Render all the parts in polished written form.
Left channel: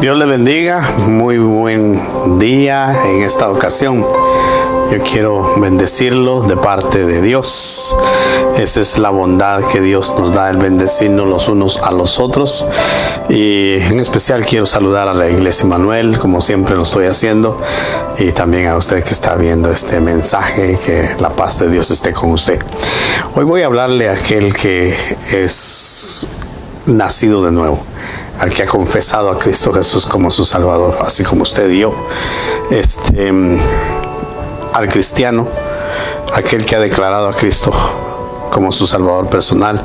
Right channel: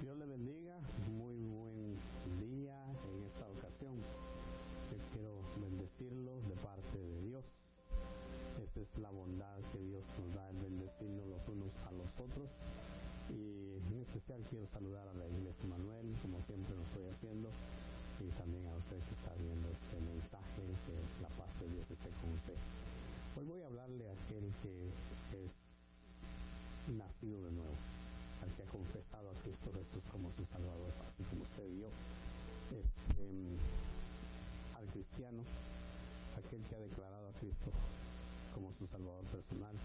Dios le bendiga, muy buen día en esta ocasión. Yo quiero bendecirlos de parte de Dios. Esa es la bondad que Dios nos da, el bendecirnos los unos a los otros. Y en especial quiero saludar a la Iglesia Emmanuel, como siempre lo estoy haciendo. Y también a usted que está viendo este mensaje, que la paz de Dios esté con usted. Hoy voy a hablarle a aquel que es nacido de nuevo, al que ha confesado a Cristo Jesús como su Salvador, así como usted y yo. Al cristiano, aquel que ha declarado a Cristo como su Salvador personal.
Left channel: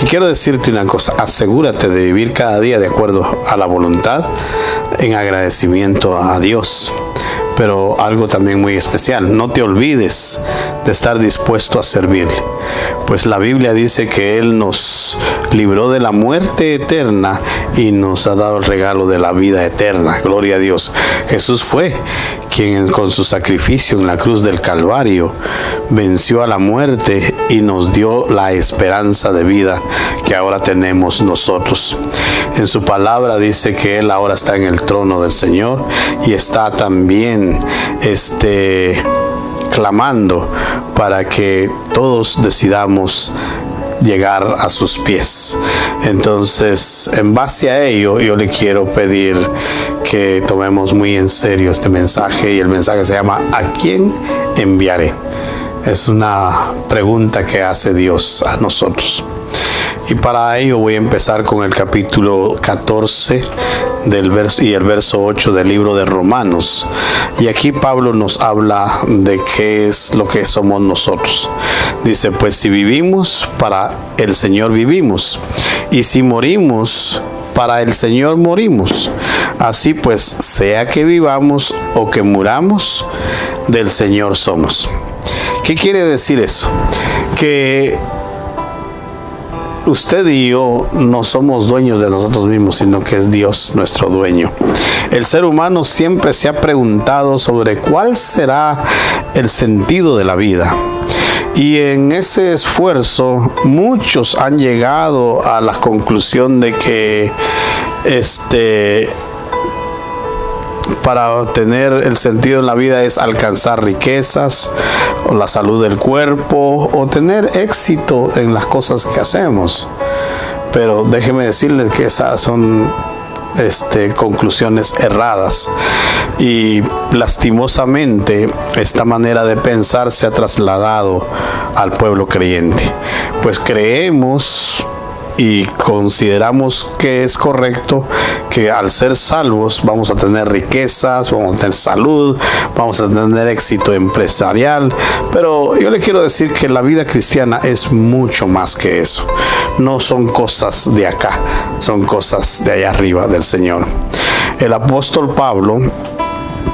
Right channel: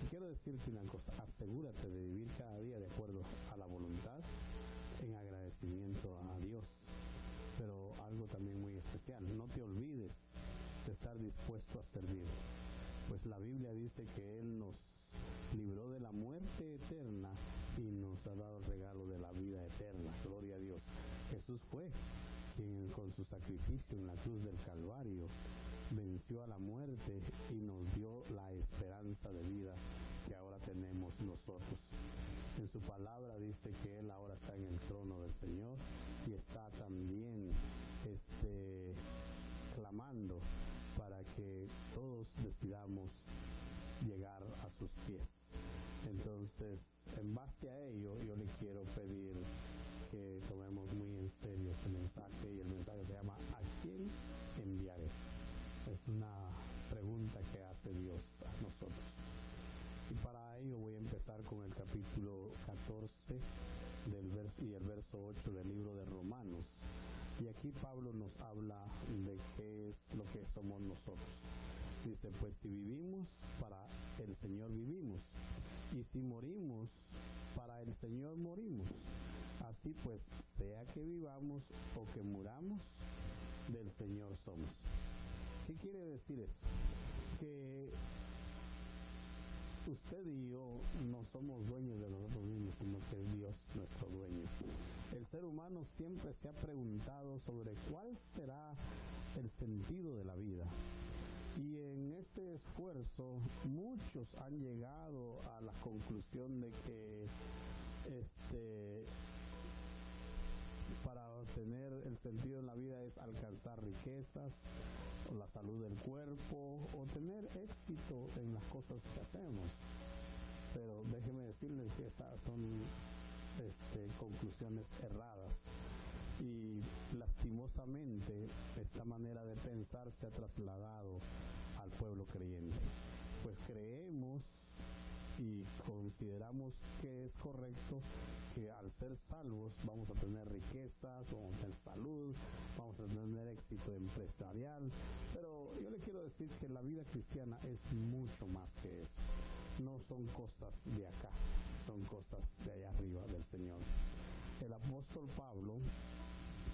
Y quiero decirte una cosa: asegúrate de vivir cada día de acuerdo a la voluntad, en agradecimiento a Dios. Pero algo también muy especial: no te olvides de estar dispuesto a servirle, pues la Biblia dice que Él nos libró de la muerte eterna y nos ha dado el regalo de la vida eterna. Gloria a Dios. Jesús fue quien con su sacrificio en la cruz del Calvario venció a la muerte y nos dio la esperanza de vida que ahora tenemos nosotros. En su palabra dice que Él ahora está en el trono del Señor y está también clamando para que todos decidamos llegar a sus pies. Entonces, en base a ello, yo le quiero pedir que tomemos muy en serio este mensaje, y el mensaje se llama ¿a quién enviaré? Es una pregunta que hace Dios a nosotros. Y para ello voy a empezar con el capítulo 14 y el verso 8 del libro de Romanos. Y aquí Pablo nos habla de qué es lo que somos nosotros. Dice: pues si vivimos, para el Señor vivimos, y si morimos, para el Señor morimos. Así pues, sea que vivamos o que muramos, del Señor somos. ¿Qué quiere decir eso? Que usted y yo no somos dueños de nosotros mismos, sino que es Dios nuestro dueño. El ser humano siempre se ha preguntado sobre cuál será el sentido de la vida. Y en ese esfuerzo muchos han llegado a la conclusión de que para obtener el sentido en la vida es alcanzar riquezas, o la salud del cuerpo, o tener éxito en las cosas que hacemos. Pero déjeme decirles que esas son conclusiones erradas, y lastimosamente esta manera de pensar se ha trasladado al pueblo creyente, pues creemos y consideramos que es correcto que al ser salvos vamos a tener riquezas, vamos a tener salud, vamos a tener éxito empresarial. Pero yo le quiero decir que la vida cristiana es mucho más que eso. No son cosas de acá, son cosas de allá arriba del Señor. El apóstol Pablo,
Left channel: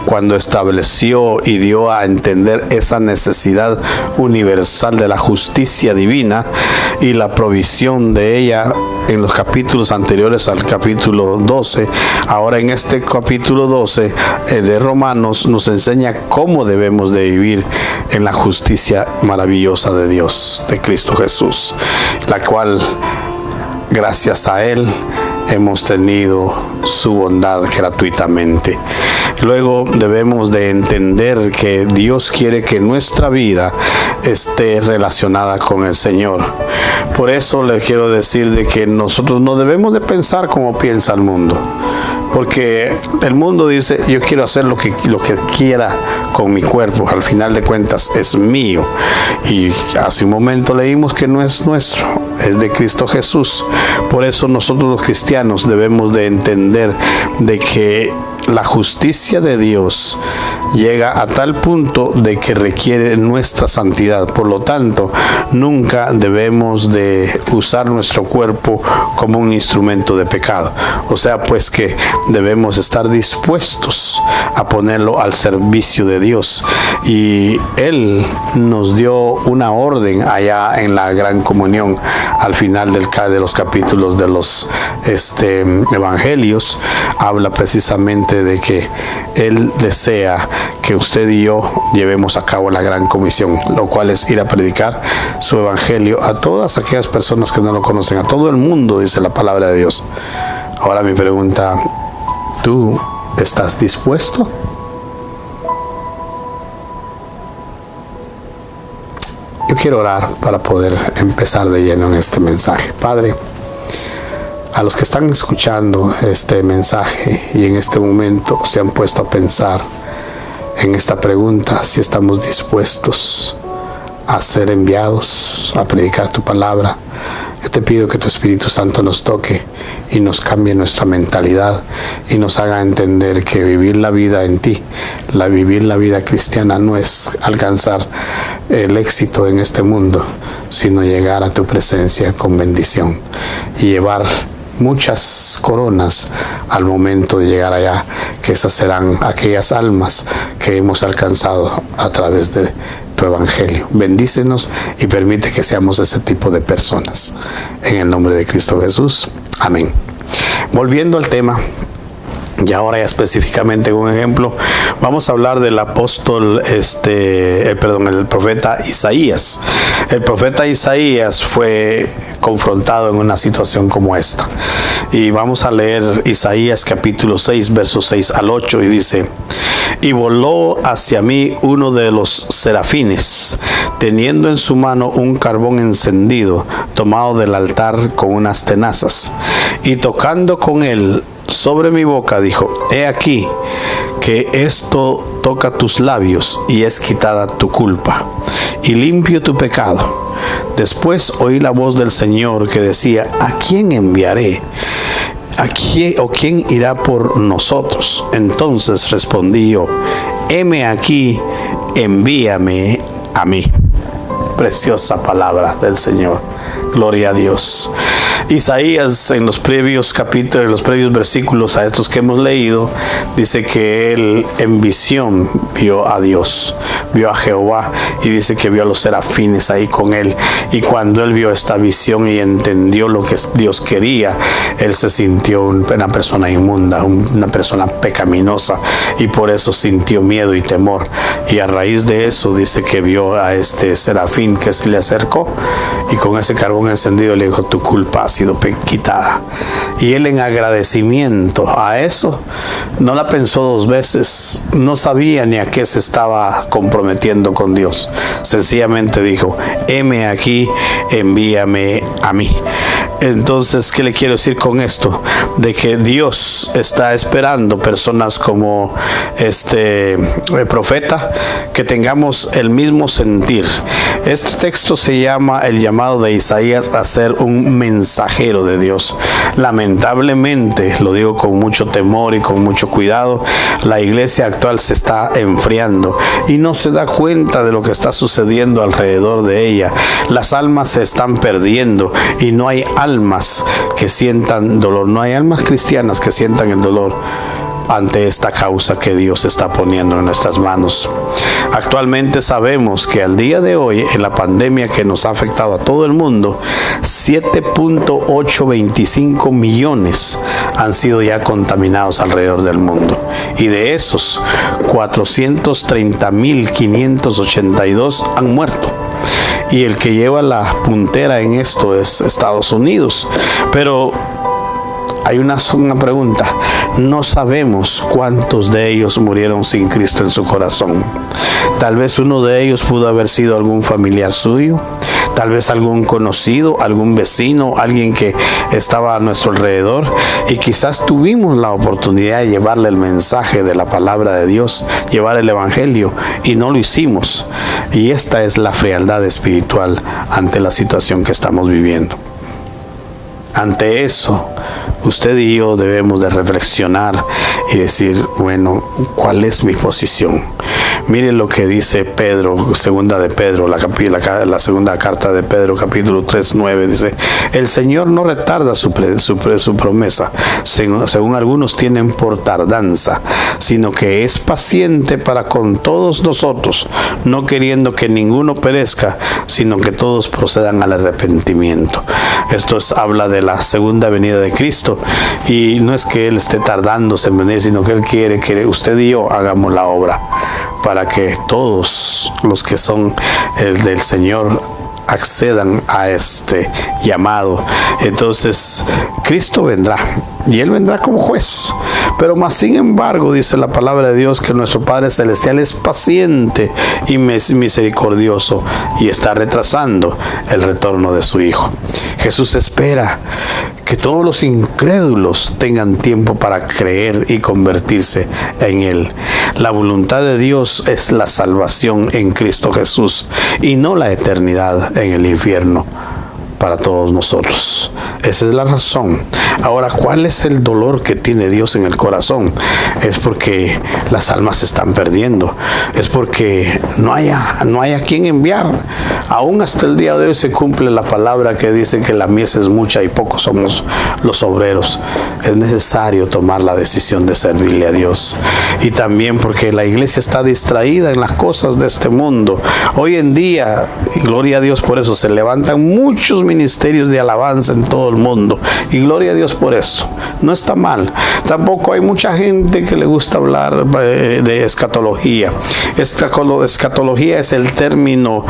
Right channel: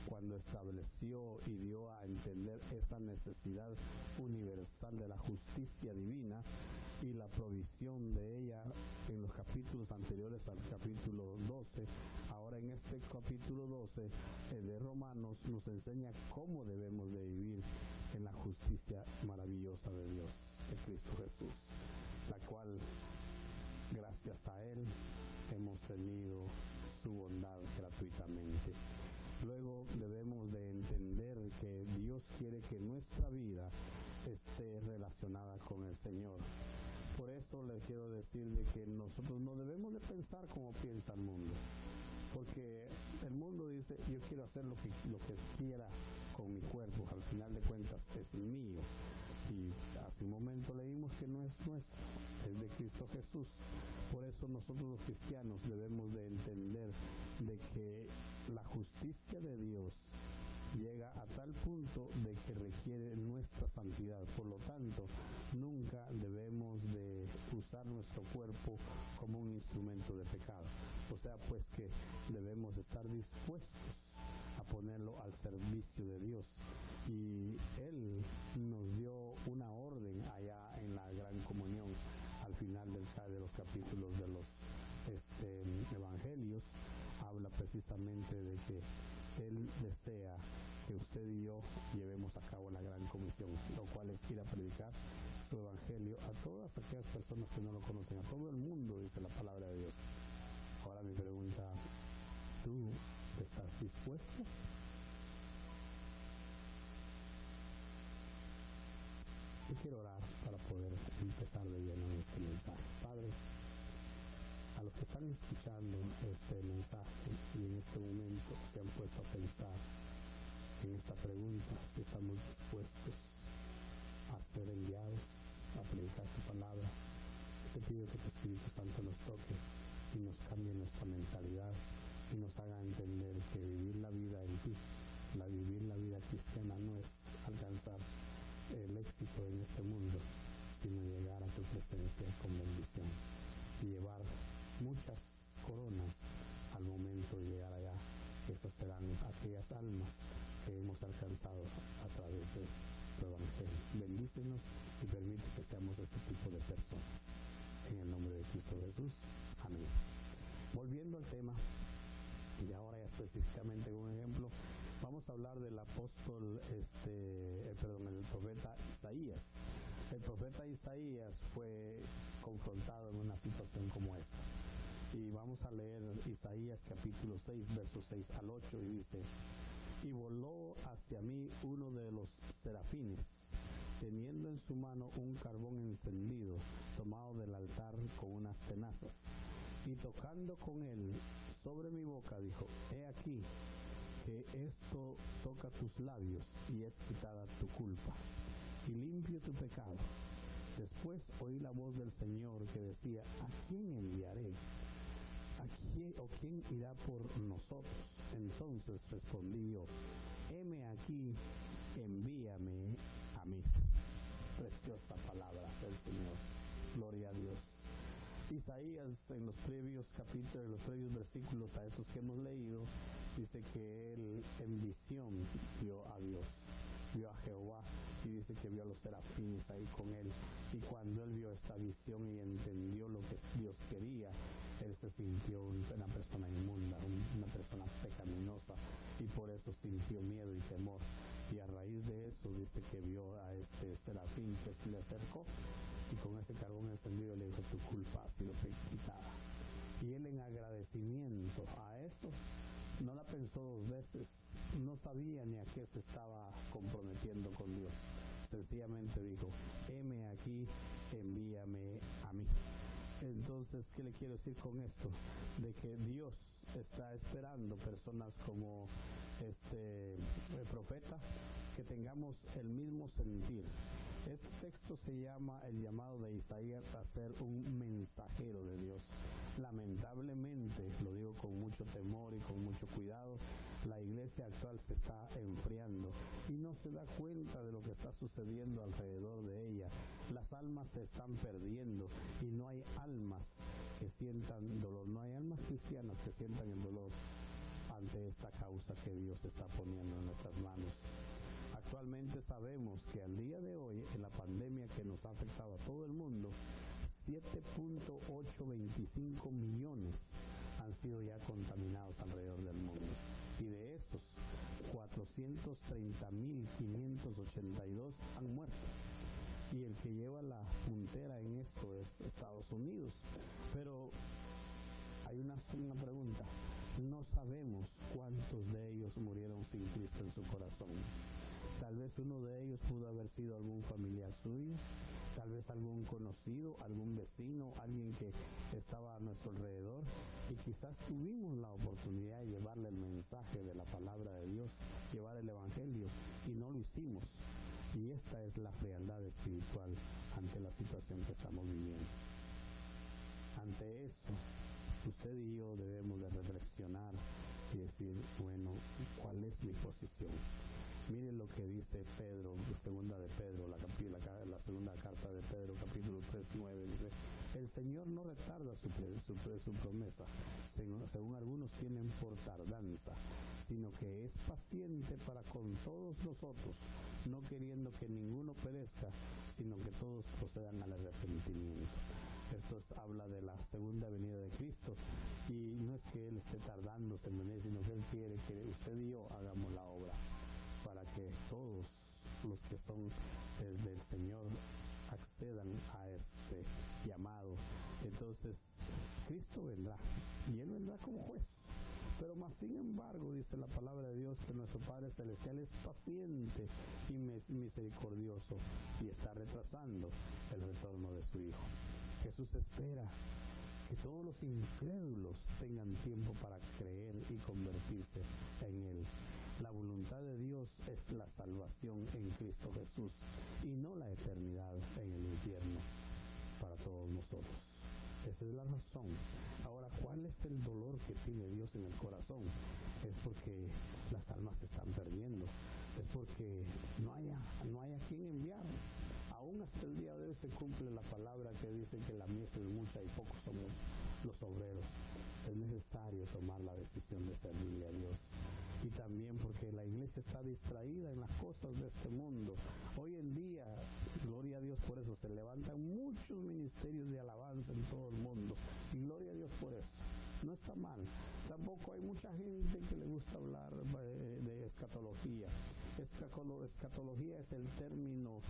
cuando estableció y dio a entender esa necesidad universal de la justicia divina y la provisión de ella en los capítulos anteriores al capítulo 12, ahora en este capítulo 12 de Romanos nos enseña cómo debemos de vivir en la justicia maravillosa de Dios, de Cristo Jesús, la cual, gracias a Él, hemos tenido su bondad gratuitamente. Luego debemos de entender que Dios quiere que nuestra vida esté relacionada con el Señor. Por eso les quiero decir de que nosotros no debemos de pensar como piensa el mundo, porque el mundo dice: yo quiero hacer lo que quiera con mi cuerpo, al final de cuentas es mío. Y hace un momento leímos que no es nuestro, es de Cristo Jesús. Por eso nosotros los cristianos debemos de entender de que la justicia de Dios llega a tal punto de que requiere nuestra santidad. Por lo tanto, nunca debemos de usar nuestro cuerpo como un instrumento de pecado. O sea, pues que debemos estar dispuestos a ponerlo al servicio de Dios. Y Él nos dio una orden allá en la Gran Comunión, al final de los capítulos de los evangelios. Habla precisamente de que Él desea que usted y yo llevemos a cabo la gran comisión, lo cual es ir a predicar su evangelio a todas aquellas personas que no lo conocen, a todo el mundo, dice la palabra de Dios. Ahora mi pregunta: ¿Tú estás dispuesto? Yo quiero orar para poder empezar de lleno en este mensaje. Padre, a los que están escuchando este mensaje y en este momento se han puesto a pensar en esta pregunta, si estamos dispuestos a ser enviados a predicar tu palabra, yo te pido que tu Espíritu Santo nos toque y nos cambie nuestra mentalidad y nos haga entender que vivir la vida en ti, vivir la vida cristiana no es alcanzar el éxito en este mundo, sino llegar a tu presencia con bendición y llevar muchas coronas al momento de llegar allá, que esas serán aquellas almas que hemos alcanzado a través de tu evangelio. Bendícenos y permite que seamos ese tipo de personas. En el nombre de Cristo Jesús. Amén. Volviendo al tema, y ahora ya específicamente un ejemplo, vamos a hablar del apóstol, el profeta Isaías. El profeta Isaías fue confrontado en una situación como esta. Y vamos a leer Isaías capítulo 6, versos 6 al 8, y dice: y voló hacia mí uno de los serafines, teniendo en su mano un carbón encendido, tomado del altar con unas tenazas, y tocando con él sobre mi boca, dijo: he aquí que esto toca tus labios y es quitada tu culpa y limpio tu pecado. Después oí la voz del Señor que decía: ¿a quién enviaré? ¿A quién o quién irá por nosotros? Entonces respondí yo: heme aquí, envíame a mí. Preciosa palabra del Señor. Gloria a Dios. Isaías, en los previos capítulos, en los previos versículos a estos que hemos leído, dice que él en visión vio a Dios, vio a Jehová, y dice que vio a los serafines ahí con él. Y cuando él vio esta visión y entendió lo que Dios quería, él se sintió una persona inmunda, una persona pecaminosa, y por eso sintió miedo y temor. Y a raíz de eso dice que vio a este serafín que se le acercó y con ese carbón encendido le dijo: tu culpa ha sido quitada. Y él, en agradecimiento a eso, no la pensó dos veces, no sabía ni a qué se estaba comprometiendo con Dios. Sencillamente dijo: heme aquí, envíame a mí. Entonces, ¿qué le quiero decir con esto? De que Dios está esperando personas como este profeta, que tengamos el mismo sentir. Este texto se llama el llamado de Isaías a ser un mensajero de Dios. Lamentablemente, lo digo con mucho temor y con mucho cuidado, la iglesia actual se está enfriando y no se da cuenta de lo que está sucediendo alrededor de ella. Las almas se están perdiendo y no hay almas que sientan dolor, no hay almas cristianas que sientan el dolor ante esta causa que Dios está poniendo en nuestras manos. Actualmente sabemos que al día de hoy, en la pandemia que nos ha afectado a todo el mundo, 7.825 millones han sido ya contaminados alrededor del mundo, y de esos 430.582 han muerto. Y el que lleva la puntera en esto es Estados Unidos. Pero hay una pregunta: no sabemos cuántos de ellos murieron sin Cristo en su corazón. Tal vez uno de ellos pudo haber sido algún familiar suyo, tal vez algún conocido, algún vecino, alguien que estaba a nuestro alrededor, y quizás tuvimos la oportunidad de llevarle el mensaje de la palabra de Dios, llevar el evangelio, y no lo hicimos. Y esta es la frialdad espiritual ante la situación que estamos viviendo. Ante eso, usted y yo debemos de reflexionar y decir: bueno, ¿cuál es mi posición? Miren lo que dice Pedro, segunda de Pedro, la segunda carta de Pedro, capítulo 3, 9, dice: el Señor no retarda su promesa, según algunos tienen por tardanza, sino que es paciente para con todos nosotros, no queriendo que ninguno perezca, sino que todos procedan al arrepentimiento. Esto habla de la segunda venida de Cristo, y no es que Él esté tardándose en venir, sino que Él quiere que usted y yo hagamos la obra, para que todos los que son del Señor accedan a este llamado. Entonces, Cristo vendrá. y Él vendrá como juez. Pero más sin embargo, dice la palabra de Dios, que nuestro Padre Celestial es paciente y misericordioso y está retrasando el retorno de su Hijo. Jesús espera que todos los incrédulos tengan tiempo para creer y convertirse en Él. La voluntad de Dios es la salvación en Cristo Jesús y no la eternidad en el infierno para todos nosotros. Esa es la razón. Ahora, ¿cuál es el dolor que tiene Dios en el corazón? Es porque las almas se están perdiendo. Es porque no hay a quien enviar. Aún hasta el día de hoy se cumple la palabra que dice que la mies es mucha y pocos somos los obreros. Es necesario tomar la decisión de servirle a Dios. Y también porque la iglesia está distraída en las cosas de este mundo. Hoy en día, y gloria a Dios por eso, se levantan muchos ministerios de alabanza en todo el mundo, y gloria a Dios por eso. No está mal. Tampoco hay mucha gente que le gusta hablar de escatología. Escatología es el término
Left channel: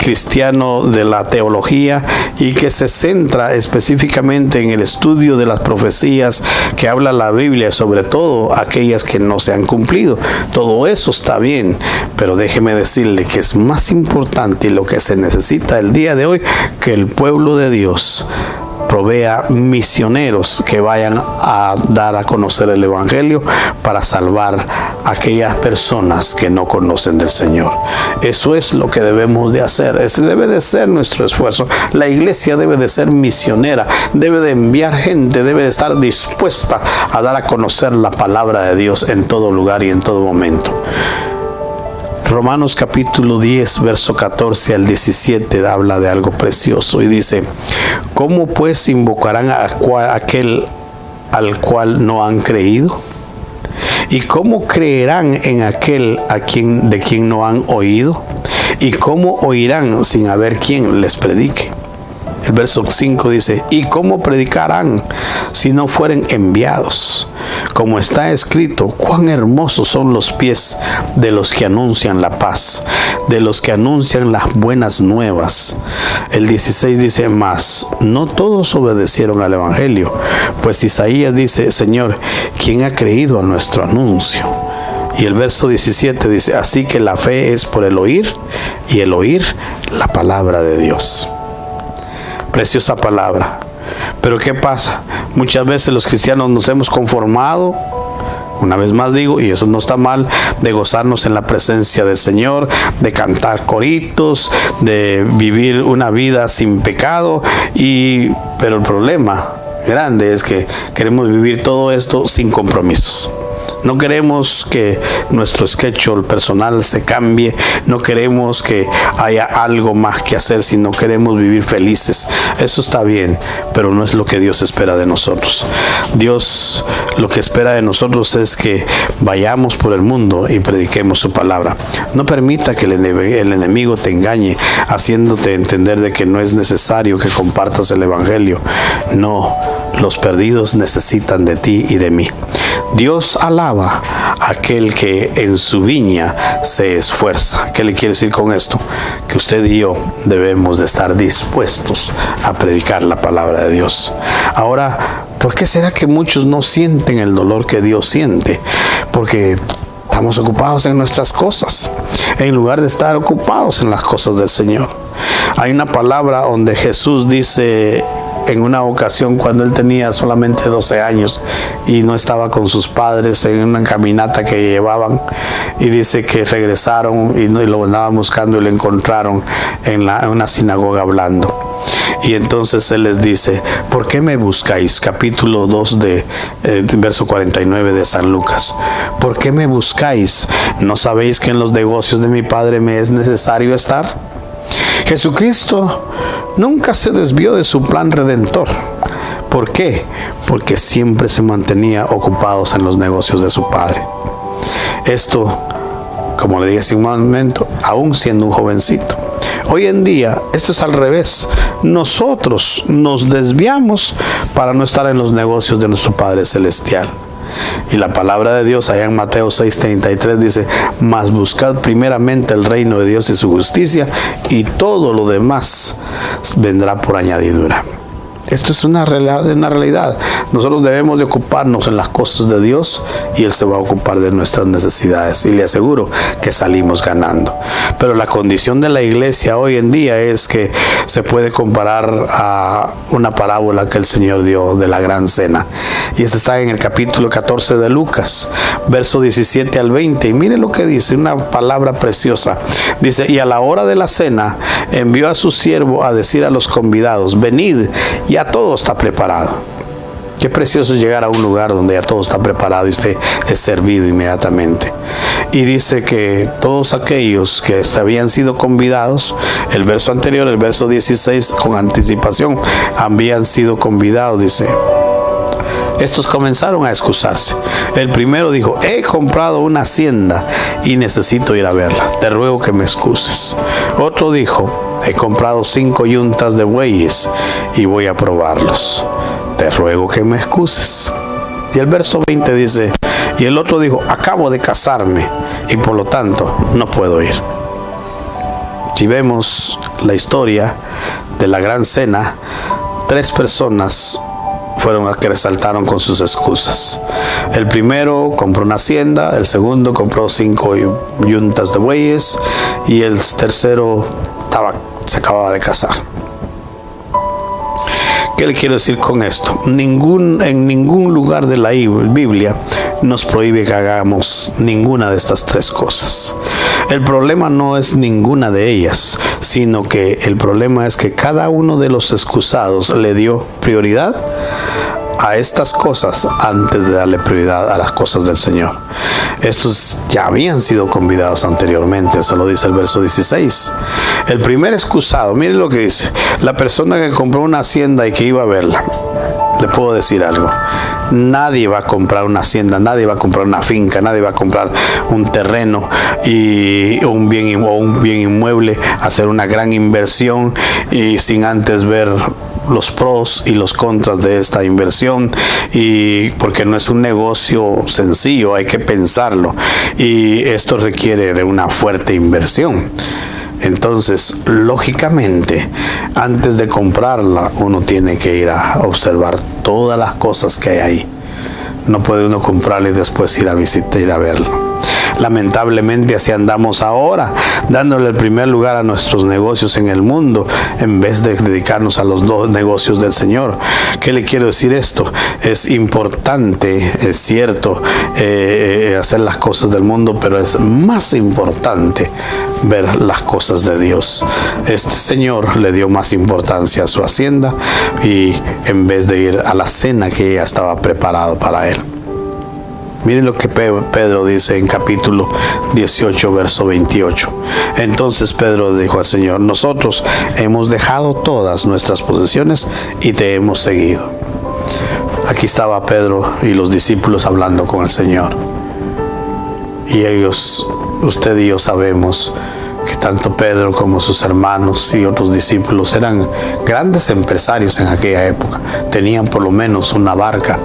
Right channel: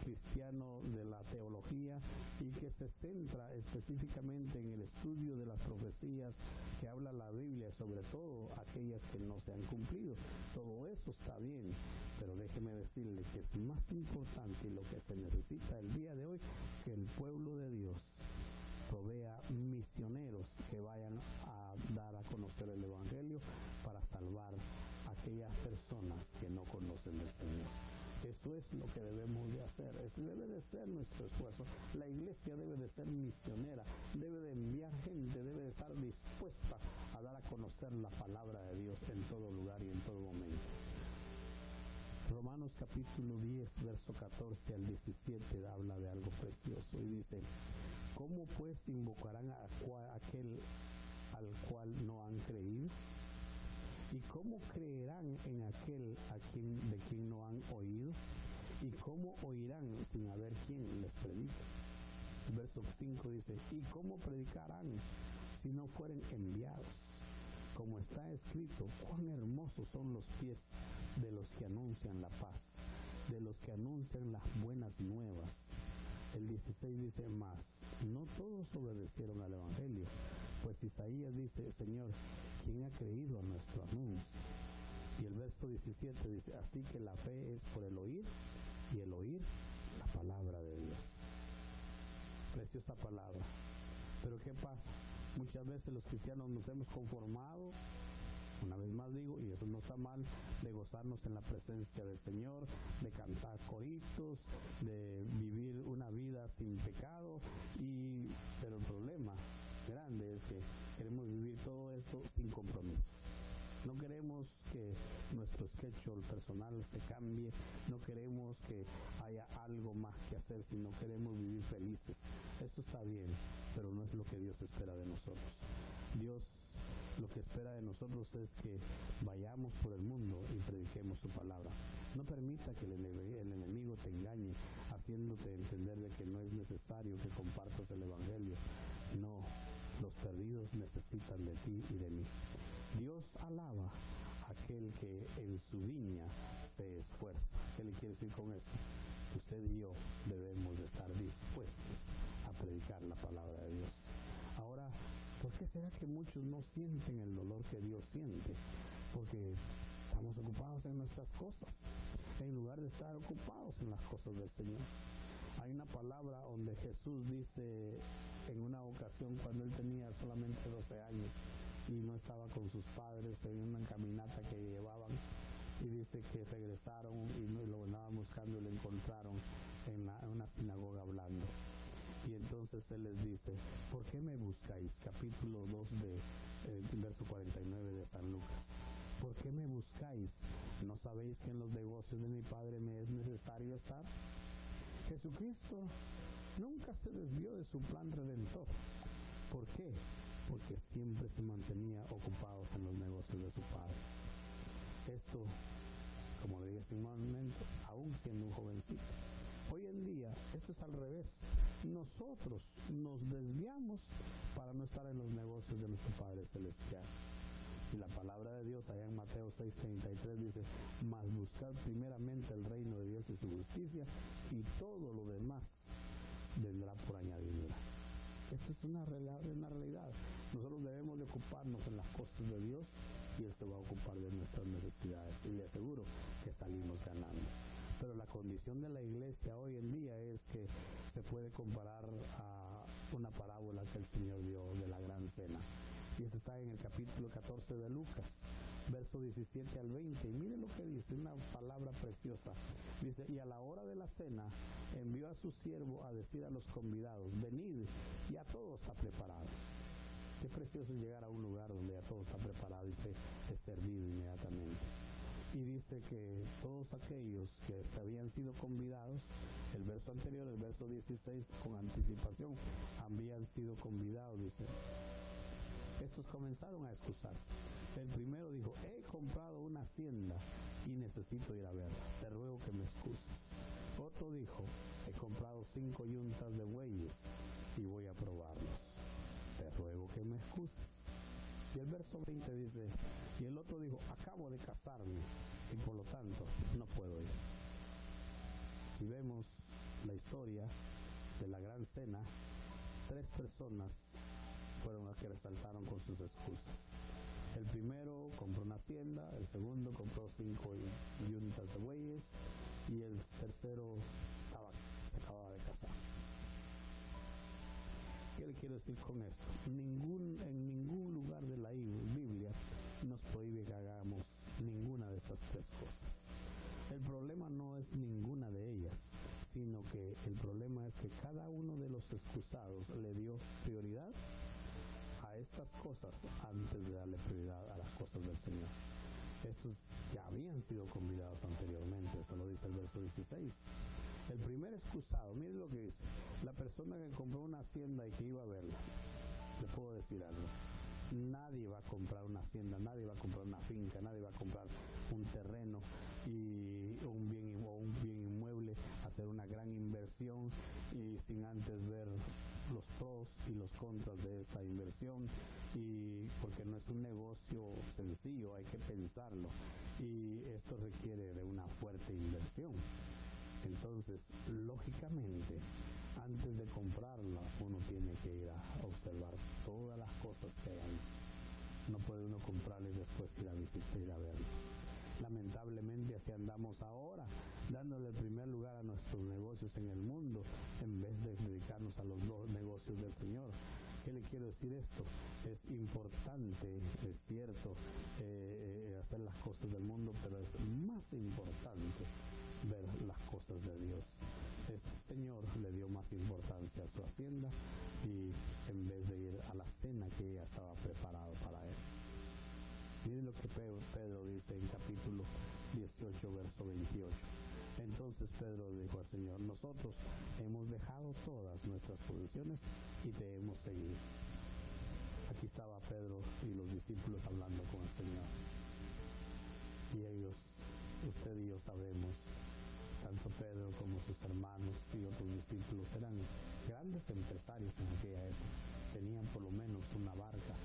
cristiano de la teología, y que se centra específicamente en el estudio de las profecías que habla la Biblia, sobre todo aquellas que no se han cumplido. Todo eso está bien, pero déjeme decirle que es más importante, y lo que se necesita el día de hoy, que el pueblo de Dios provea misioneros que vayan a dar a conocer el Evangelio para salvar a aquellas personas que no conocen del Señor. Eso es lo que debemos de hacer. Ese debe de ser nuestro esfuerzo. La iglesia debe de ser misionera, debe de enviar gente, debe de estar dispuesta a dar a conocer la palabra de Dios en todo lugar y en todo momento. Romanos capítulo 10, verso 14 al 17 habla de algo precioso y dice: ¿cómo pues invocarán a aquel al cual no han creído? ¿Y cómo creerán en aquel de quien no han oído? ¿Y cómo oirán sin haber quien les predique? El verso 5 dice: ¿y cómo predicarán si no fueren enviados? Como está escrito, cuán hermosos son los pies de los que anuncian la paz, de los que anuncian las buenas nuevas. El 16 dice: mas no todos obedecieron al Evangelio, pues Isaías dice: Señor, ¿quién ha creído a nuestro anuncio? Y el verso 17 dice: así que la fe es por el oír, y el oír la palabra de Dios. Preciosa palabra. Pero ¿qué pasa? Muchas veces los cristianos nos hemos conformado, una vez más digo, y eso no está mal, de gozarnos en la presencia del Señor, de cantar coritos, de vivir una vida sin pecado, pero el problema grande es que queremos vivir todo esto sin compromisos. No queremos que nuestro schedule personal se cambie, no queremos que haya algo más que hacer, sino queremos vivir felices. Eso está bien, pero no es lo que Dios espera de nosotros. Dios lo que espera de nosotros es que vayamos por el mundo y prediquemos su palabra. No permita que el enemigo te engañe, haciéndote entender de que no es necesario que compartas el Evangelio. No, los perdidos necesitan de ti y de mí. Dios alaba a aquel que en su viña se esfuerza. ¿Qué le quiere decir con esto? Que usted y yo debemos de estar dispuestos a predicar la palabra de Dios. Ahora, ¿por qué será que muchos no sienten el dolor que Dios siente? Porque estamos ocupados en nuestras cosas, en lugar de estar ocupados en las cosas del Señor. Hay una palabra donde Jesús dice, en una ocasión cuando él tenía solamente 12 años y no estaba con sus padres, en una caminata que llevaban, y dice que regresaron y lo andaban buscando y lo encontraron en una sinagoga hablando. Y entonces él les dice: ¿por qué me buscáis? Capítulo 2 verso 49 de San Lucas. ¿Por qué me buscáis? ¿No sabéis que en los negocios de mi Padre me es necesario estar? Jesucristo nunca se desvió de su plan redentor. ¿Por qué? Porque siempre se mantenía ocupados en los negocios de su Padre. Esto, como le dije hace un momento, aún siendo un jovencito. Hoy en día, esto es al revés. Nosotros nos desviamos para no estar en los negocios de nuestro Padre Celestial. Y la palabra de Dios allá en Mateo 6:33 dice: mas buscad primeramente el reino de Dios y su justicia, y todo lo demás vendrá por añadidura. Esto es una realidad. Nosotros debemos de ocuparnos en las cosas de Dios y Él se va a ocupar de nuestras necesidades. Y le aseguro que salimos ganando. Pero la condición de la iglesia hoy en día es que se puede comparar a una parábola que el Señor dio de la gran cena. Y esta está en el capítulo 14 de Lucas, verso 17 al 20. Y mire lo que dice, una palabra preciosa. Dice, y a la hora de la cena envió a su siervo a decir a los convidados, venid, ya todo está preparado. Qué precioso llegar a un lugar donde ya todo está preparado y usted es servido inmediatamente. Y dice que todos aquellos que habían sido convidados, el verso anterior, el verso 16, con anticipación, habían sido convidados, dice. Estos comenzaron a excusarse. El primero dijo, he comprado una hacienda y necesito ir a verla. Te ruego que me excuses. Otro dijo, he comprado 5 yuntas de bueyes y voy a probarlos. Te ruego que me excuses. Y el verso 20 dice, y el otro dijo, acabo de casarme y por lo tanto no puedo ir. Si vemos la historia de la gran cena, 3 personas fueron las que resaltaron con sus excusas. El primero compró una hacienda, el segundo compró 5 yuntas de bueyes y el tercero se acababa de casar. ¿Qué le quiero decir con esto? En ningún lugar de la Biblia nos prohíbe que hagamos ninguna de estas 3 cosas. El problema no es ninguna de ellas, sino que el problema es que cada uno de los excusados le dio prioridad a estas cosas antes de darle prioridad a las cosas del Señor. Estos ya habían sido convidados anteriormente, eso lo dice el verso 16. El primer excusado, miren lo que dice, la persona que compró una hacienda y que iba a verla. Le puedo decir algo, nadie va a comprar una hacienda, nadie va a comprar una finca, nadie va a comprar un terreno o un bien inmueble, hacer una gran inversión y sin antes ver los pros y los contras de esta inversión, y porque no es un negocio sencillo, hay que pensarlo y esto requiere de una fuerte inversión. Entonces, lógicamente, antes de comprarla, uno tiene que ir a observar todas las cosas que hay ahí. No puede uno comprarla y después ir a visitar, ir a verlo. Lamentablemente así andamos ahora, dándole el primer lugar a nuestros negocios en el mundo, en vez de dedicarnos a los negocios del Señor. ¿Qué le quiero decir esto? Es importante, es cierto, hacer las cosas del mundo, pero es más importante ver las cosas de Dios. Este señor le dio más importancia a su hacienda y en vez de ir a la cena que ya estaba preparado para él. Miren lo que Pedro dice en capítulo 18, verso 28. Entonces Pedro dijo al Señor, nosotros hemos dejado todas nuestras posesiones y te hemos seguido. Aquí estaba Pedro y los discípulos hablando con el Señor. Y ellos, usted y yo sabemos que tanto Pedro como sus hermanos y otros discípulos eran grandes empresarios en aquella época. Tenían por lo menos una barca,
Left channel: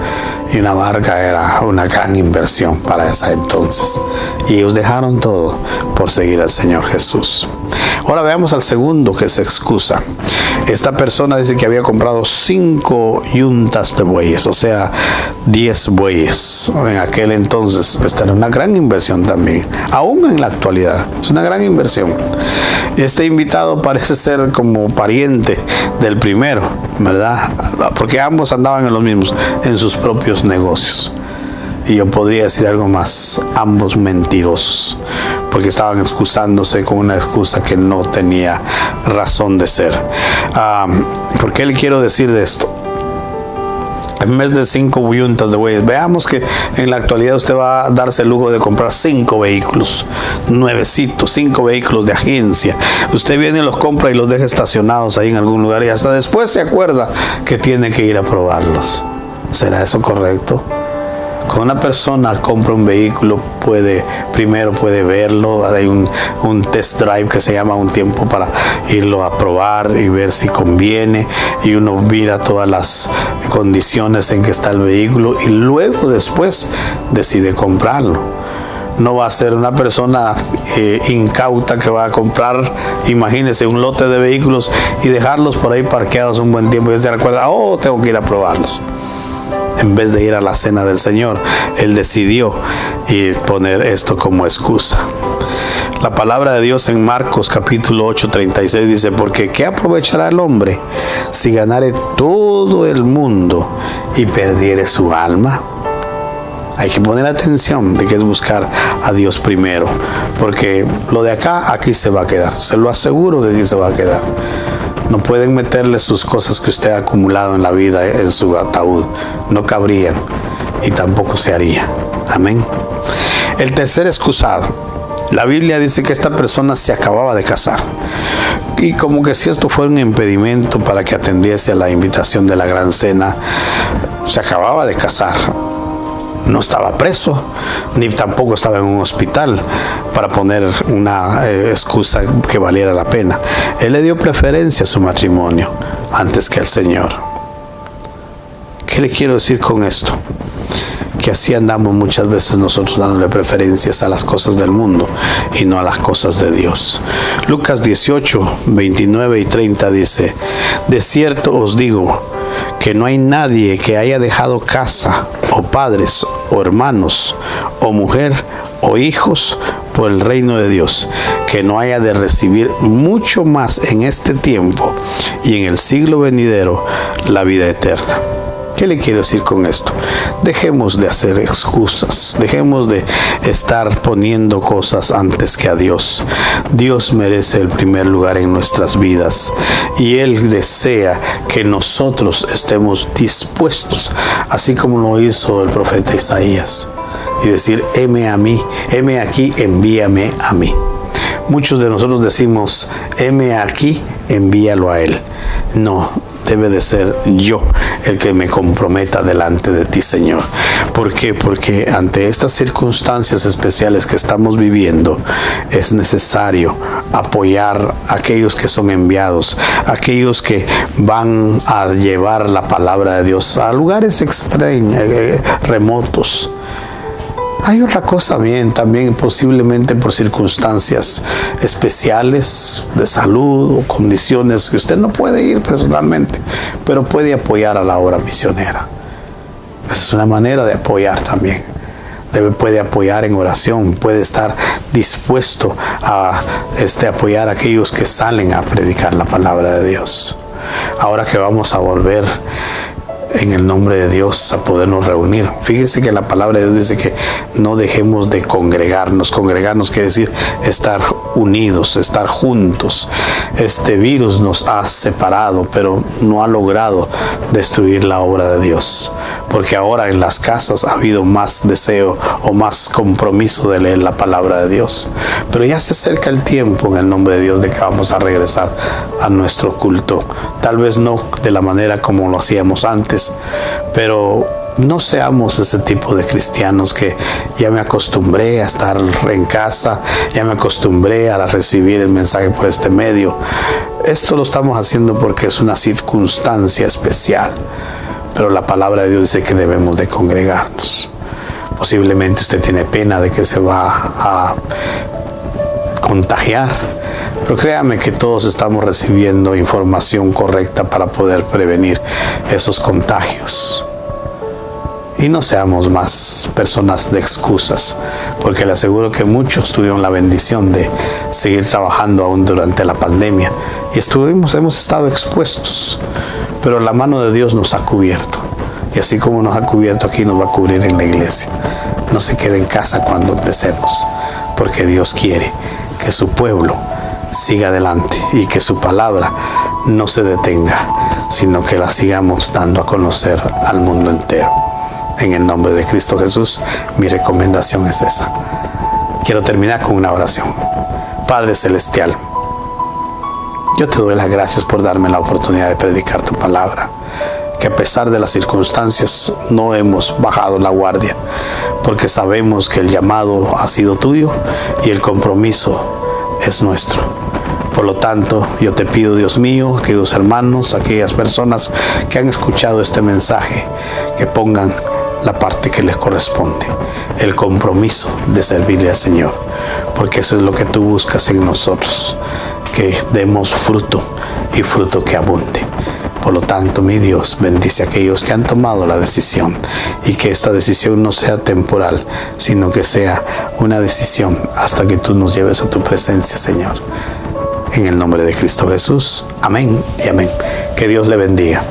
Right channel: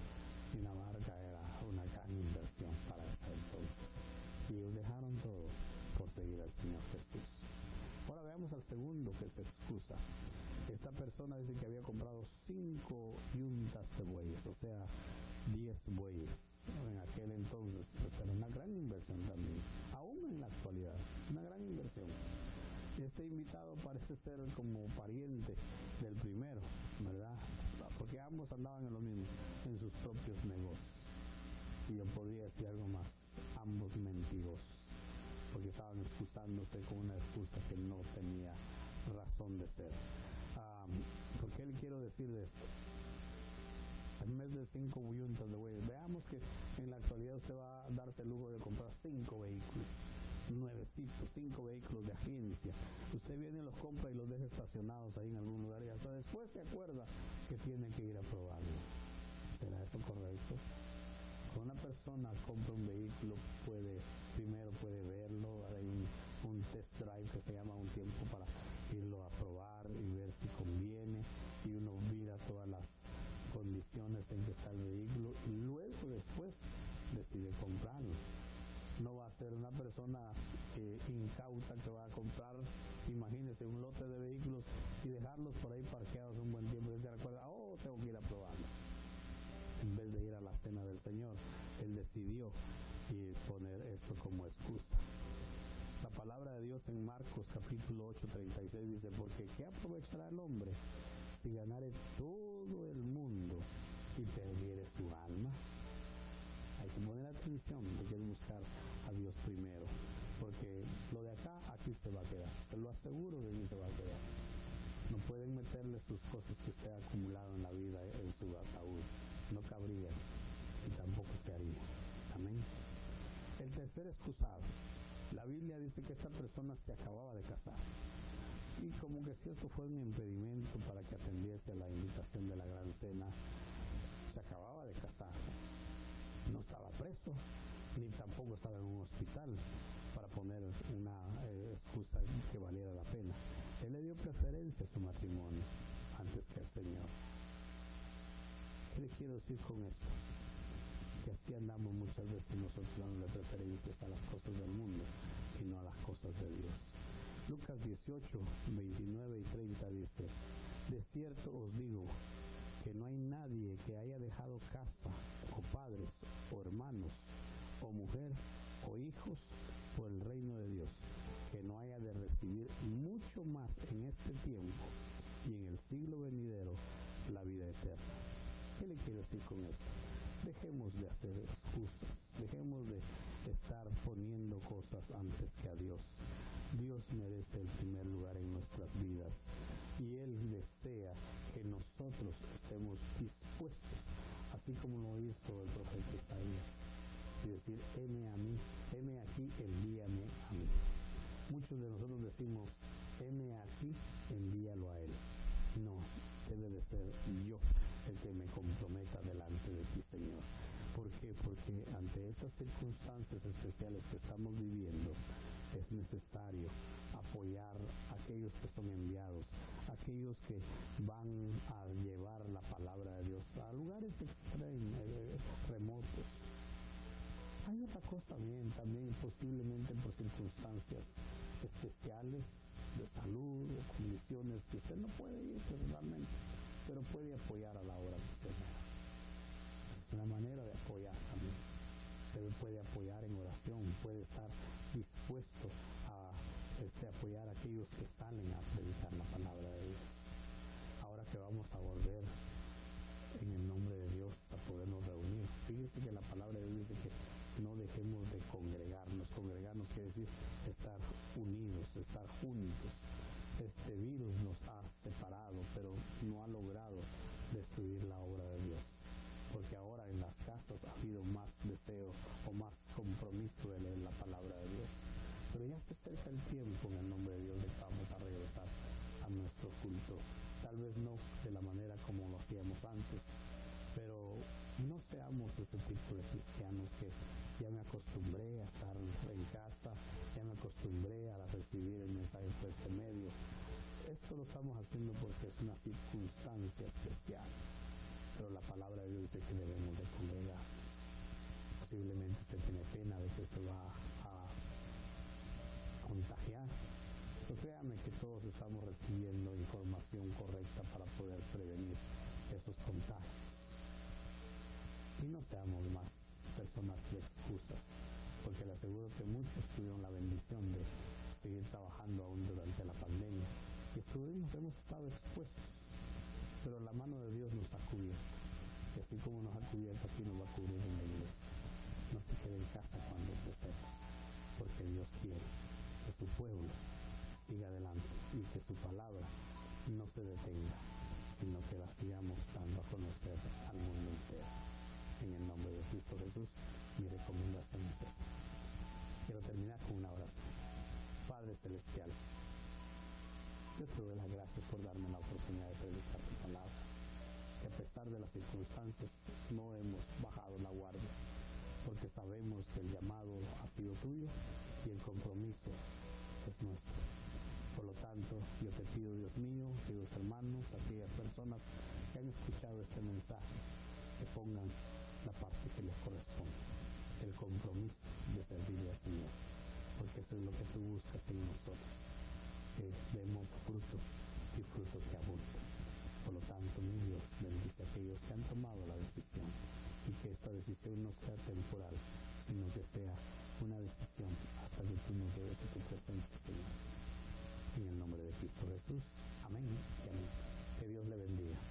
y una barca era una gran inversión para esa entonces. Y ellos dejaron todo por seguir al Señor Jesús. Ahora veamos al segundo que se excusa. Esta persona dice que había comprado 5 yuntas de bueyes, o sea, 10 bueyes. En aquel entonces, esta era una gran inversión también, aún en la actualidad, es una gran inversión. Este invitado parece ser como pariente del primero, ¿verdad? Porque ambos andaban en los mismos, en sus propios negocios. Y yo podría decir algo más, ambos mentirosos, porque estaban excusándose con una excusa que no tenía razón de ser. ¿Por qué le quiero decir de esto? En vez de 5 yuntas de bueyes, veamos que en la actualidad usted va a darse el lujo de comprar 5 vehículos nuevecitos, 5 vehículos de agencia. Usted viene y los compra y los deja estacionados ahí en algún lugar y hasta después se acuerda que tiene que ir a probarlos. ¿Será eso correcto? Cuando una persona compra un vehículo, primero puede verlo, hay un test drive que se llama, un tiempo para irlo a probar y ver si conviene, y uno mira todas las condiciones en que está el vehículo y luego después decide comprarlo. No va a ser una persona incauta que va a comprar, imagínese, un lote de vehículos y dejarlos por ahí parqueados un buen tiempo y se recuerda, tengo que ir a probarlos. En vez de ir a la cena del Señor, él decidió poner esto como excusa. La palabra de Dios en Marcos capítulo 8:36 dice, porque ¿qué aprovechará el hombre si ganare todo el mundo y perdiere su alma? Hay que poner atención de que es buscar a Dios primero, porque lo de acá, aquí se va a quedar. Se lo aseguro que aquí se va a quedar. No pueden meterle sus cosas que usted ha acumulado en la vida en su ataúd. No cabrían y tampoco se haría. Amén. El tercer excusado. La Biblia dice que esta persona se acababa de casar. Y como que si esto fuera un impedimento para que atendiese a la invitación de la gran cena, se acababa de casar. No estaba preso, ni tampoco estaba en un hospital para poner una excusa que valiera la pena. Él le dio preferencia a su matrimonio antes que al Señor. ¿Qué le quiero decir con esto? Que así andamos muchas veces nosotros dándole preferencias a las cosas del mundo y no a las cosas de Dios. Lucas 18:29 y 30 dice, de cierto os digo que no hay nadie que haya dejado casa o padres o hermanos o mujer o hijos por el reino de Dios, que no haya de recibir mucho más en este tiempo y en el siglo venidero la vida eterna. ¿Qué le quiero decir con esto? Dejemos de hacer excusas, dejemos de estar poniendo cosas antes que a Dios. Dios merece el primer lugar en nuestras vidas y Él desea que nosotros estemos dispuestos, así como lo hizo el profeta Isaías, y decir, heme a mí, heme aquí, envíame a mí. Muchos de nosotros decimos, heme aquí, envíalo a Él. No, debe de ser yo el que me comprometa delante de ti, Señor. ¿Por qué? Porque ante estas circunstancias especiales que estamos viviendo, es necesario apoyar a aquellos que son enviados, aquellos que van a llevar la palabra de Dios a lugares extraños, remotos. Hay otra cosa bien, también posiblemente por circunstancias especiales de salud o condiciones que usted no puede ir personalmente, pero puede apoyar a la obra misionera. Esa es una manera de apoyar también. Puede apoyar en oración, puede estar dispuesto a apoyar a aquellos que salen a predicar la palabra de Dios. Ahora que vamos a volver en el nombre de Dios a podernos reunir. Fíjese que la palabra de Dios dice que no dejemos de congregarnos. Congregarnos quiere decir estar unidos, estar juntos. Este virus nos ha separado, pero no ha logrado destruir la obra de Dios. Porque ahora en las casas ha habido más deseo o más compromiso de leer la palabra de Dios. Pero ya se acerca el tiempo en el nombre de Dios de que vamos a regresar a nuestro culto. Tal vez no de la manera como lo hacíamos antes, pero no seamos ese tipo de cristianos que ya me acostumbré a estar en casa, ya me acostumbré a recibir el mensaje por este medio. Esto lo estamos haciendo porque es una circunstancia especial, pero la palabra de Dios dice que debemos de congregarnos. Posiblemente usted tiene pena de que se va a contagiar, pero créame que todos estamos recibiendo información correcta para poder prevenir esos contagios. Y no seamos más personas de excusas, porque le aseguro que muchos tuvieron la bendición de seguir trabajando aún durante la pandemia y hemos estado expuestos, pero la mano de Dios nos ha cubierto. Y así como nos ha cubierto aquí, nos va a cubrir en la iglesia. No se quede en casa cuando empecemos, porque Dios quiere que su pueblo siga adelante y que su palabra no se detenga, sino que la sigamos dando a conocer al mundo entero. En el nombre de Cristo Jesús, mi recomendación es esa. Quiero terminar con una oración. Padre Celestial, yo te doy las gracias por darme la oportunidad de predicar tu palabra, que a pesar de las circunstancias no hemos bajado la guardia, porque sabemos que el llamado ha sido tuyo y el compromiso es nuestro. Por lo tanto, yo te pido, Dios mío, aquellos hermanos, aquellas personas que han escuchado este mensaje, que pongan la parte que les corresponde, el compromiso de servirle al Señor, porque eso es lo que tú buscas en nosotros, que demos fruto y fruto que abunde. Por lo tanto, mi Dios, bendice a aquellos que han tomado la decisión, y que esta decisión no sea temporal, sino que sea una decisión hasta que tú nos lleves a tu presencia, Señor. En el nombre de Cristo Jesús. Amén y amén. Que Dios le bendiga.